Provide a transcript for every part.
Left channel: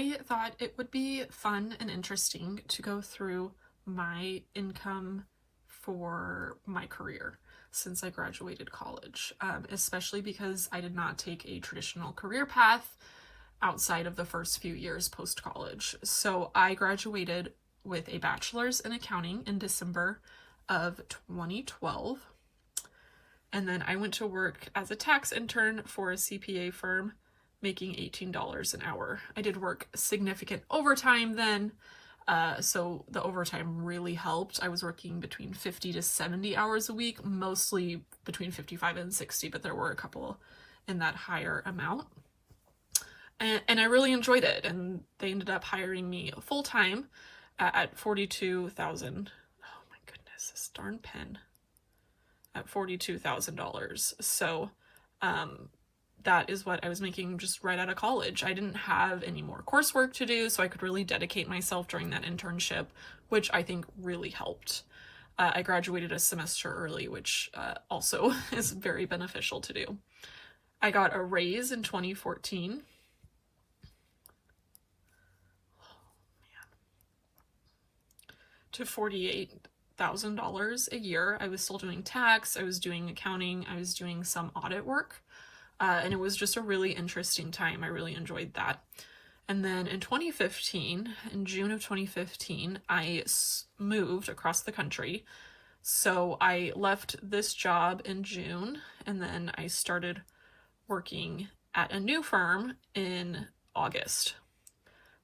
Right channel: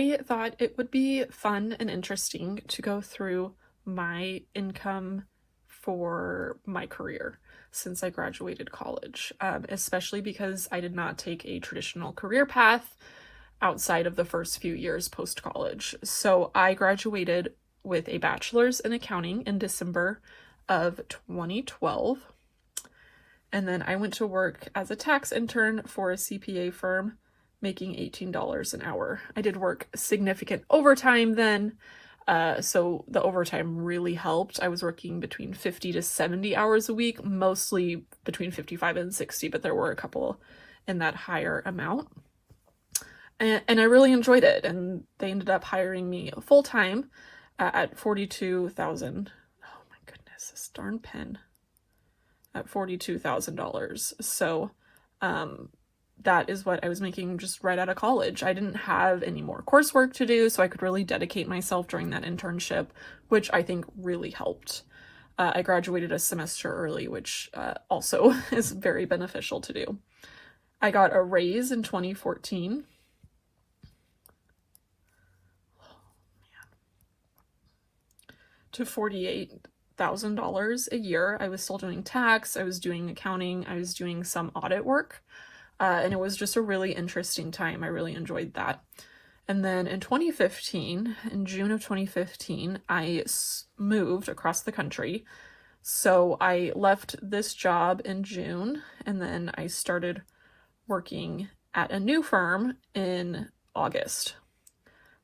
I thought it would be fun and interesting to go through my income for my career since I graduated college, especially because I did not take a traditional career path outside of the first few years post college. So I graduated with a bachelor's in accounting in December of 2012. And then I went to work as a tax intern for a CPA firm, making $18 an hour. I did work significant overtime then, so the overtime really helped. I was working between 50 to 70 hours a week, mostly between 55 and 60, but there were a couple in that higher amount. And I really enjoyed it, and they ended up hiring me full-time at $42,000. Oh my goodness, this darn pen. At $42,000. So that is what I was making just right out of college. I didn't have any more coursework to do, so I could really dedicate myself during that internship, which I think really helped. I graduated a semester early, which also is very beneficial to do. I got a raise in 2014. To $48,000 a year. I was still doing tax, I was doing accounting, I was doing some audit work, and it was just a really interesting time. I really enjoyed that. And then in 2015, in June of 2015, I moved across the country. So I left this job in June, and then I started working at a new firm in August.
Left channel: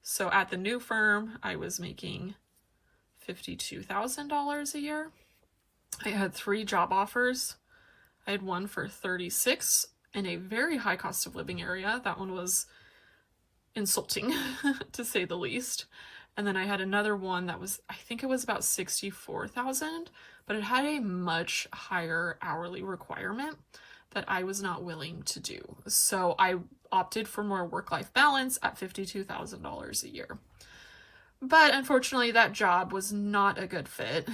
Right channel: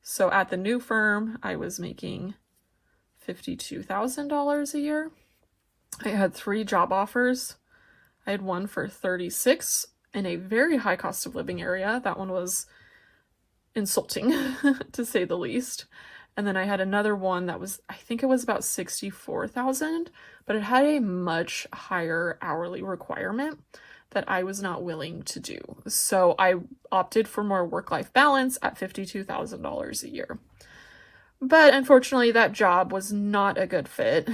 So at the new firm, I was making $52,000 a year. I had 3 job offers. I had one for 36 in a very high cost of living area. That one was insulting to say the least. And then I had another one that was, I think it was about 64,000, but it had a much higher hourly requirement that I was not willing to do. So I opted for more work-life balance at $52,000 a year. But unfortunately, that job was not a good fit,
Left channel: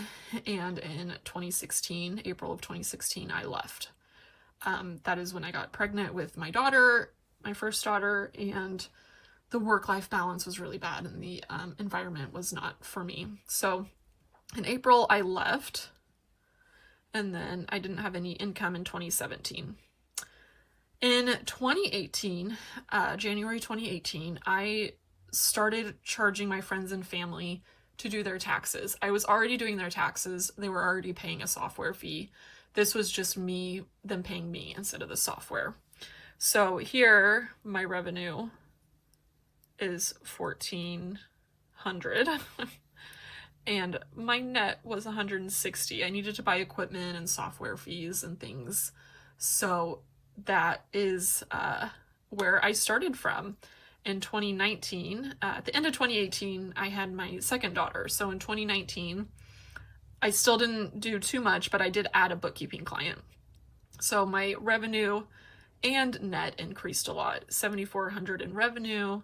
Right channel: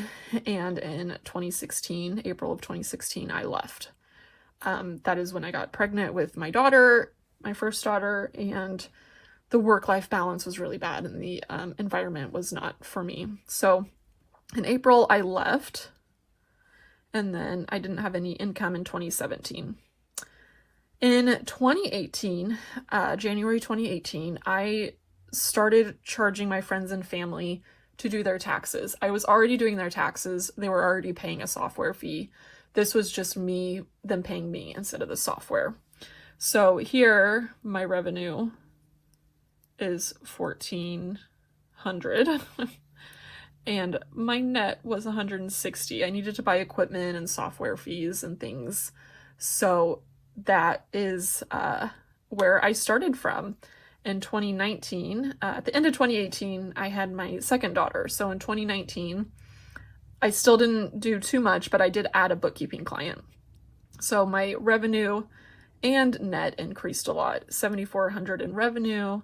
and in 2016, April of 2016, I left. That is when I got pregnant with my daughter, my first daughter, and the work-life balance was really bad, and the environment was not for me. So in April, I left, and then I didn't have any income in 2017. In 2018, January 2018, I started charging my friends and family to do their taxes. I was already doing their taxes. They were already paying a software fee. This was just them paying me instead of the software. So here, my revenue is $1,400 and my net was $160. I needed to buy equipment and software fees and things. So that is where I started from. In 2019, at the end of 2018, I had my second daughter. So in 2019, I still didn't do too much, but I did add a bookkeeping client. So my revenue and net increased a lot. $7,400 in revenue,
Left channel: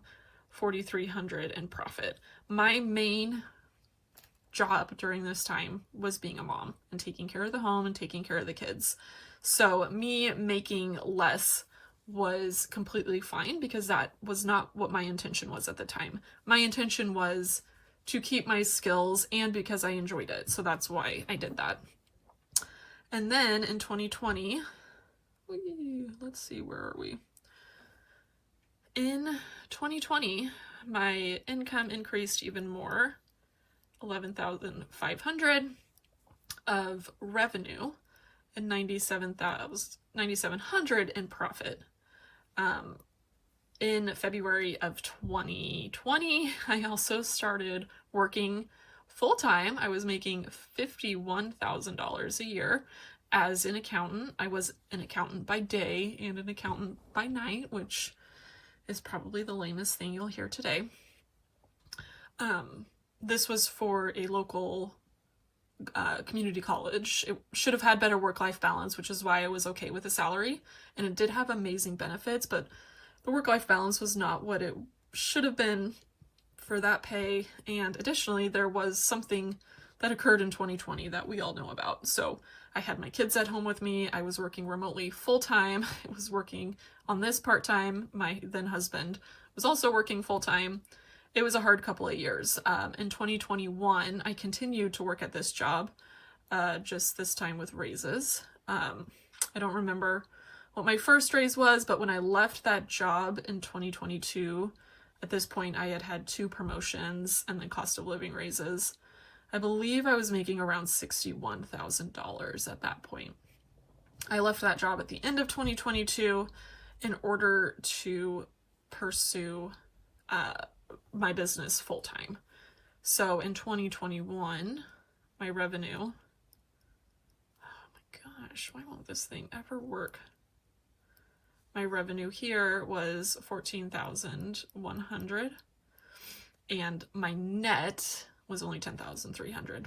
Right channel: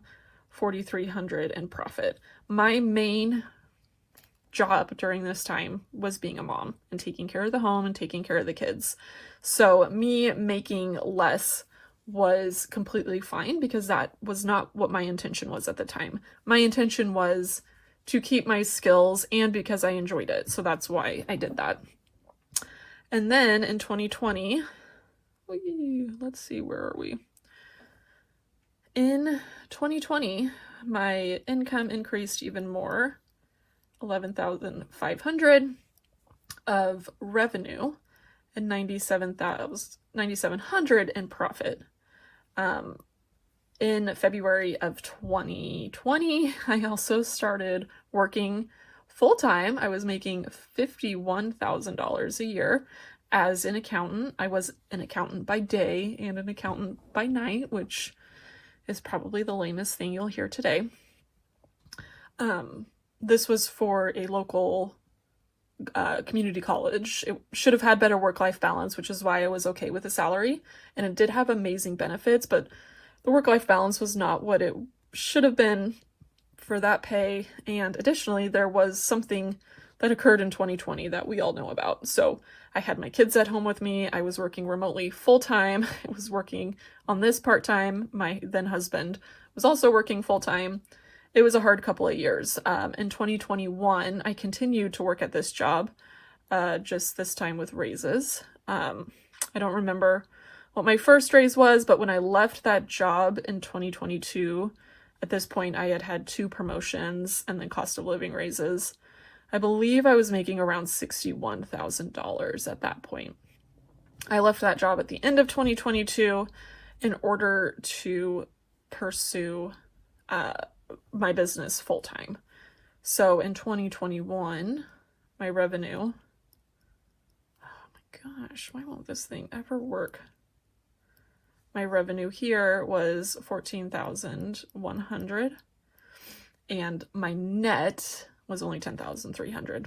$4,300 in profit. My main job during this time was being a mom and taking care of the home and taking care of the kids. So me making less was completely fine because that was not what my intention was at the time. My intention was to keep my skills and because I enjoyed it. So that's why I did that. And then in 2020, let's see, where are we? In 2020, my income increased even more, $11,500 of revenue and $9,700 in profit. In February of 2020, I also started working full-time. I was making $51,000 a year as an accountant. I was an accountant by day and an accountant by night, which is probably the lamest thing you'll hear today. This was for a local community college. It should have had better work-life balance, which is why I was okay with the salary, and it did have amazing benefits, but the work-life balance was not what it should have been for that pay. And additionally, there was something that occurred in 2020 that we all know about. So I had my kids at home with me. I was working remotely full-time. I was working on this part-time. My then husband was also working full-time. it was a hard couple of years. In 2021, I continued to work at this job, just this time with raises. I don't remember what my first raise was, but when I left that job in 2022, at this point I had had 2 promotions and then cost of living raises. I believe I was making around $61,000 at that point. I left that job at the end of 2022 in order to pursue my business full time. So in 2021, my revenue, oh my gosh, why won't this thing ever work? My revenue here was $14,100 and my net was only $10,300.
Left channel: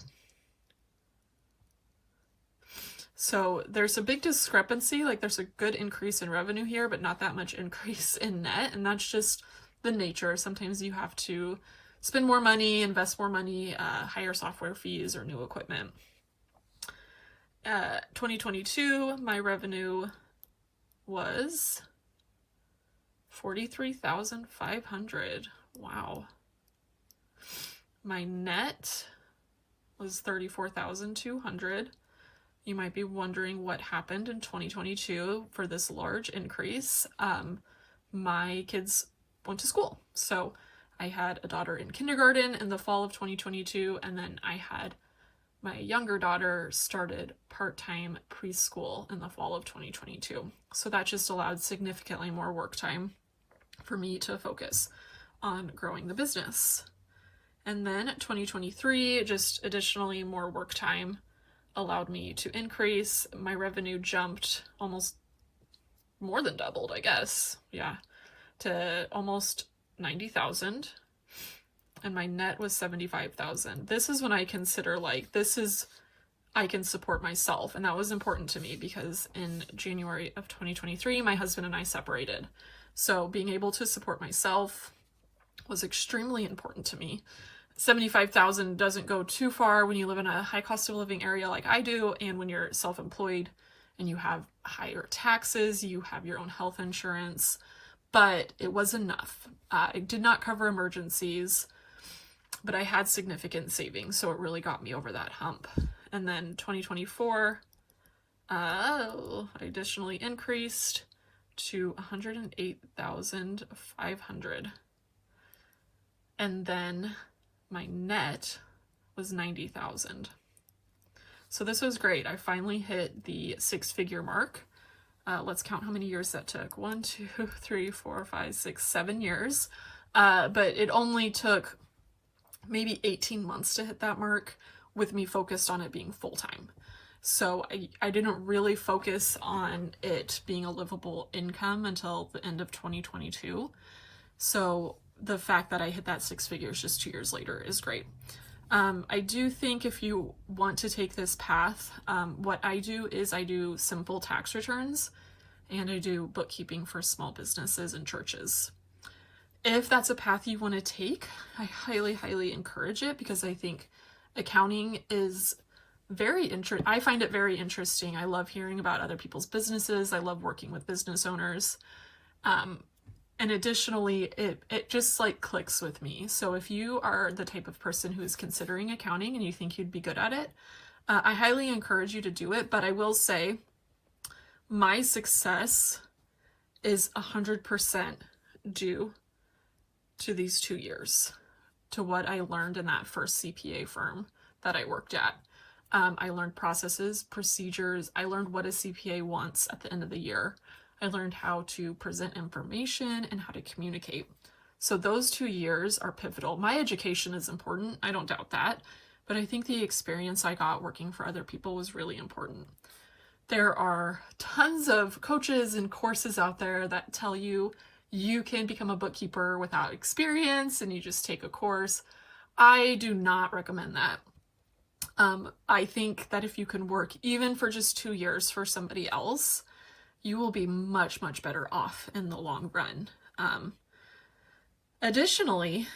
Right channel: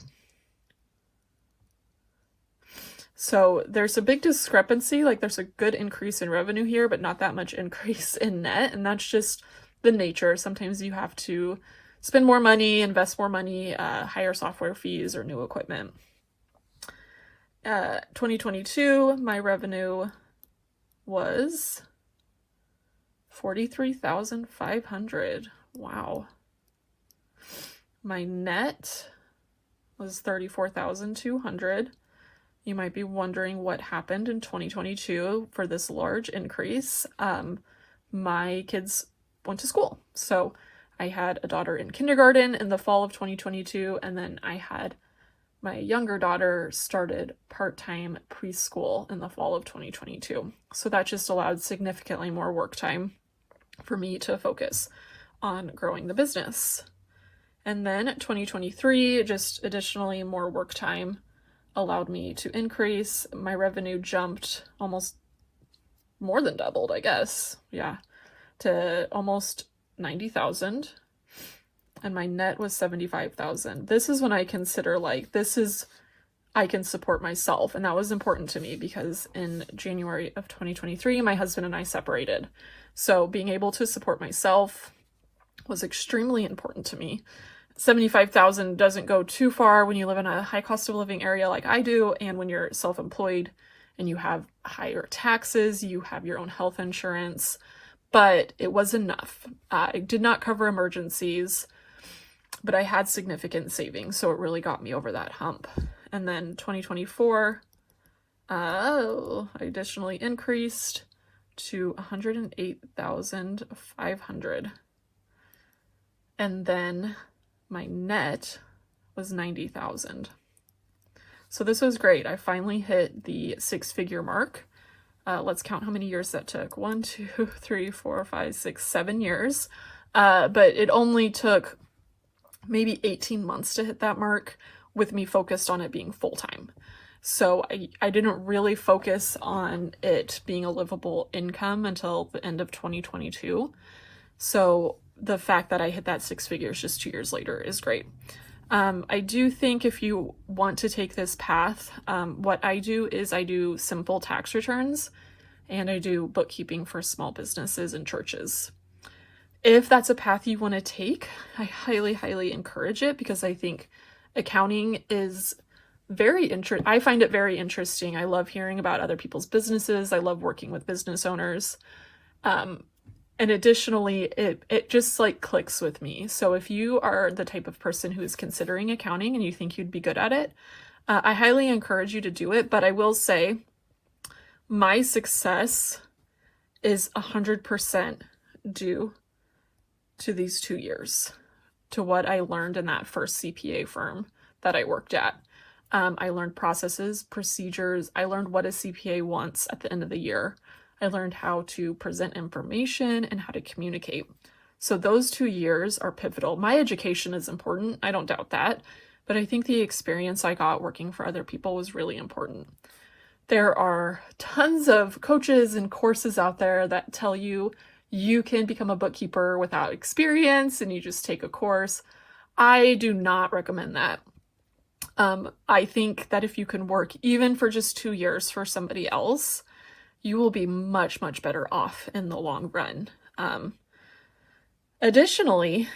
So there's a big discrepancy, like there's a good increase in revenue here, but not that much increase in net, and that's just the nature. Sometimes you have to spend more money, invest more money, higher software fees or new equipment. 2022, my revenue was $43,500. Wow. My net was $34,200. You might be wondering what happened in 2022 for this large increase. My kids went to school. So I had a daughter in kindergarten in the fall of 2022, and then I had my younger daughter started part-time preschool in the fall of 2022. So that just allowed significantly more work time for me to focus on growing the business. And then 2023, just additionally more work time allowed me to increase. My revenue jumped almost more than doubled, I guess. Yeah, to almost 90,000. And my net was 75,000. This is when I consider I can support myself. And that was important to me because in January of 2023, my husband and I separated. So being able to support myself was extremely important to me. 75,000 doesn't go too far when you live in a high cost of living area like I do, and when you're self-employed and you have higher taxes, you have your own health insurance, but it was enough. It did not cover emergencies, but I had significant savings, so it really got me over that hump. And then 2024, I additionally increased to 108,500. And then my net was 90,000. So this was great. I finally hit the 6-figure mark. Let's count how many years that took. 1, 2, 3, 4, 5, 6, 7 years. But it only took maybe 18 months to hit that mark with me focused on it being full-time. So I didn't really focus on it being a livable income until the end of 2022. So the fact that I hit that 6 figures just 2 years later is great. I do think if you want to take this path, what I do is I do simple tax returns and I do bookkeeping for small businesses and churches. If that's a path you want to take, I highly, highly encourage it because I think accounting is I find it very interesting. I love hearing about other people's businesses. I love working with business owners. And additionally, it just clicks with me. So if you are the type of person who is considering accounting and you think you'd be good at it, I highly encourage you to do it. But I will say my success is 100% due to these 2 years, to what I learned in that first CPA firm that I worked at. I learned processes, procedures. I learned what a CPA wants at the end of the year. I learned how to present information and how to communicate. So those 2 years are pivotal. My education is important. I don't doubt that. But I think the experience I got working for other people was really important. There are tons of coaches and courses out there that tell you you can become a bookkeeper without experience and you just take a course. I do not recommend that. I think that if you can work even for just 2 years for somebody else, you will be much, much better off in the long run. Additionally,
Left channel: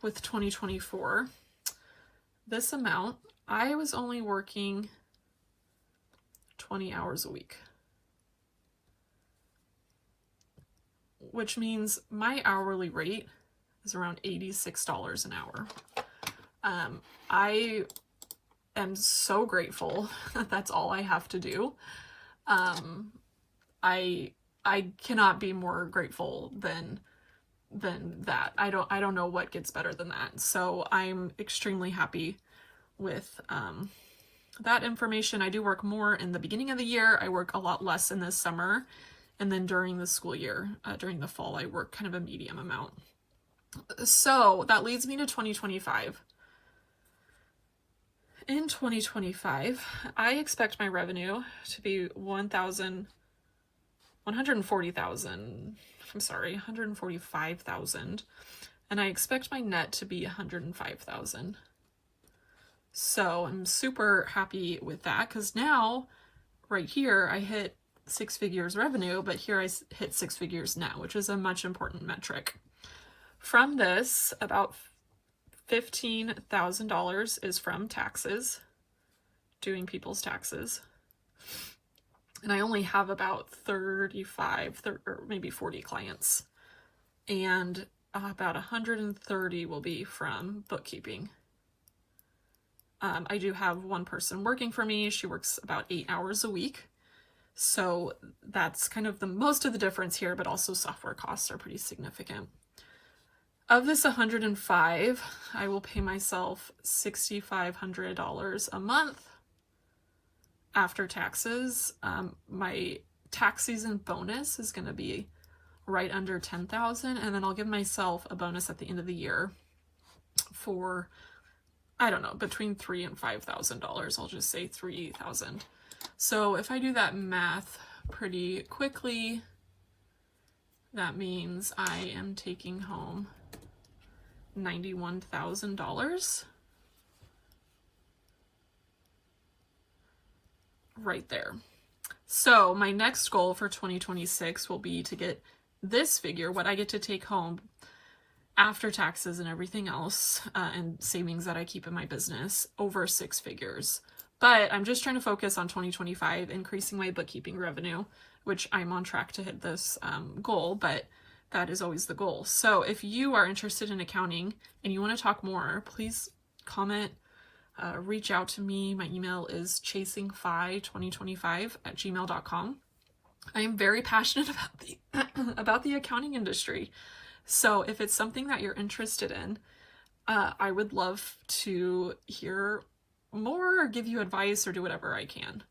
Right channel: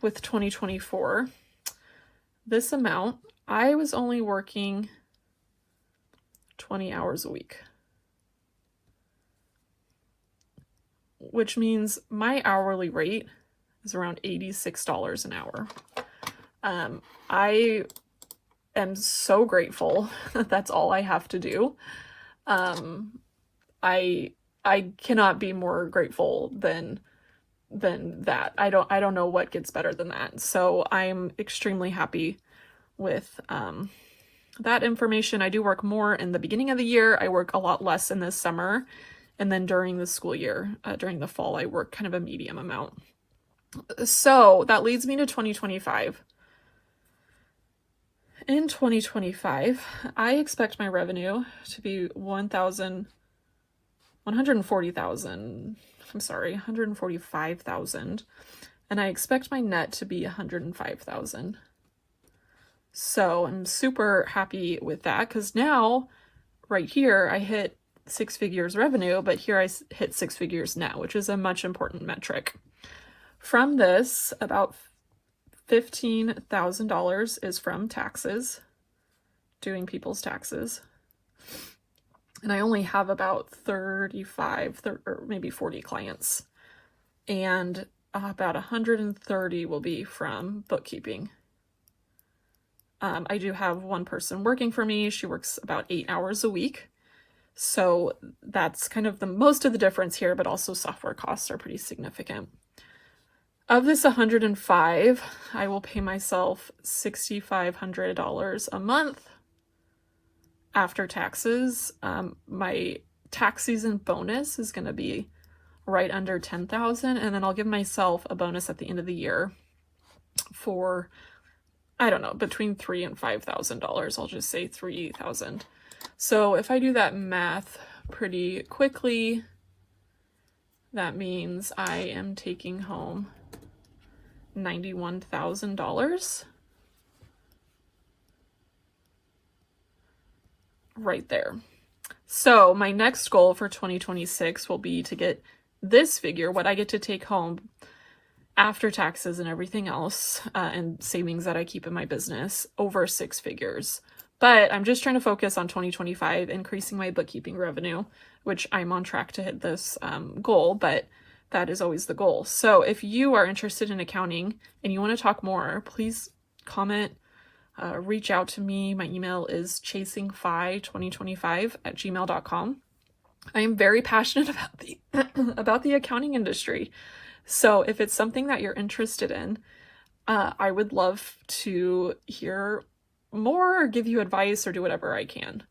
with 2024, this amount, I was only working 20 hours a week, which means my hourly rate is around $86 an hour. I am so grateful that that's all I have to do. I cannot be more grateful than that. I don't know what gets better than that. So I'm extremely happy with that information. I do work more in the beginning of the year. I work a lot less in the summer. And then during the school year, during the fall, I work kind of a medium amount. So that leads me to 2025. In 2025, I expect my revenue to be 145,000, and I expect my net to be 105,000. So I'm super happy with that, because now, right here, I hit 6 figures revenue, but here I hit 6 figures net, which is a much important metric. From this, about $15,000 is from taxes, doing people's taxes. And I only have about 35 or maybe 40 clients. And about 130 will be from bookkeeping. I do have one person working for me. She works about 8 hours a week. So that's kind of the most of the difference here, but also software costs are pretty significant. Of this 105, I will pay myself $6,500 a month after taxes. My tax season bonus is going to be right under $10,000, and then I'll give myself a bonus at the end of the year for, I don't know, between $3,000 and $5,000. I'll just say $3,000. So if I do that math pretty quickly, that means I am taking home $91,000 right there. So my next goal for 2026 will be to get this figure, what I get to take home after taxes and everything else, and savings that I keep in my business, over 6 figures. But I'm just trying to focus on 2025, increasing my bookkeeping revenue, which I'm on track to hit this goal, but that is always the goal. So if you are interested in accounting and you want to talk more, please comment, reach out to me. My email is chasingfi2025@gmail.com. I am very passionate about about the accounting industry. So if it's something that you're interested in, I would love to hear more, or give you advice, or do whatever I can.